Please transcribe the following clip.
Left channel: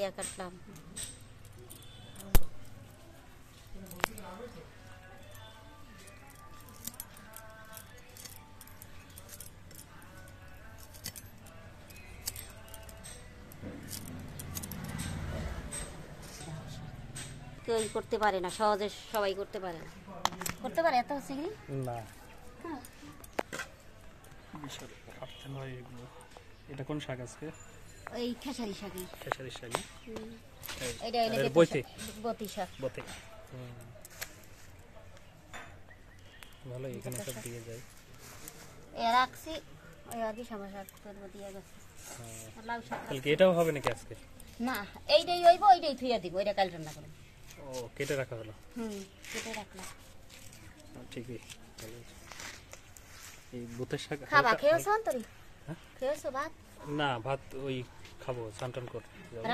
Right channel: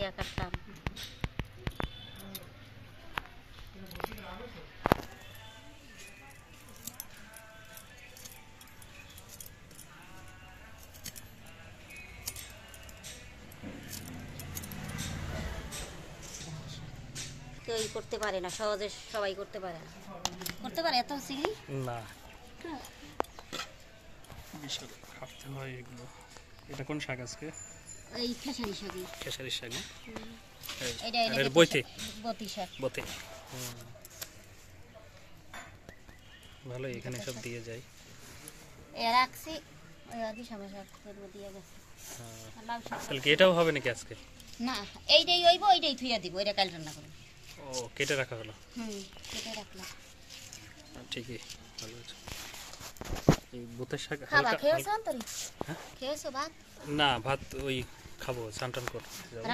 ইয়া কাটতাম। কেউ করতে পারে না, সহজে সবাই করতে পারে না। করতে পারে এত চিংড়ি না, বিশাল কাটতে হয় এগুলো। এটা কোন শাক আজকে? এই খেসারি শাক। খেসারি শাক। এটা এর বইতে বতি শাক। বতে ভালো, এখানে সব দিয়ে যায়। এ রাখছি ওই আদি সবার শাক করব দিয়ে গেছে। লাউ শাক। তাহলে কি এটাও হবে নাকি আজকে? না, এইটাই হইব, এইটাই থুইয়া দিব, এটা কাল রান্না করব। ও, কেটে রাখা হলো। কেটে রাখলাম। ঠিকই, ভালো আছে। এই বুতের শাক খাবা খেয়েছো অন্তরি? খেয়েছো ভাত? না, ভাত ওই খাবো, স্নান টান করতে যাবো।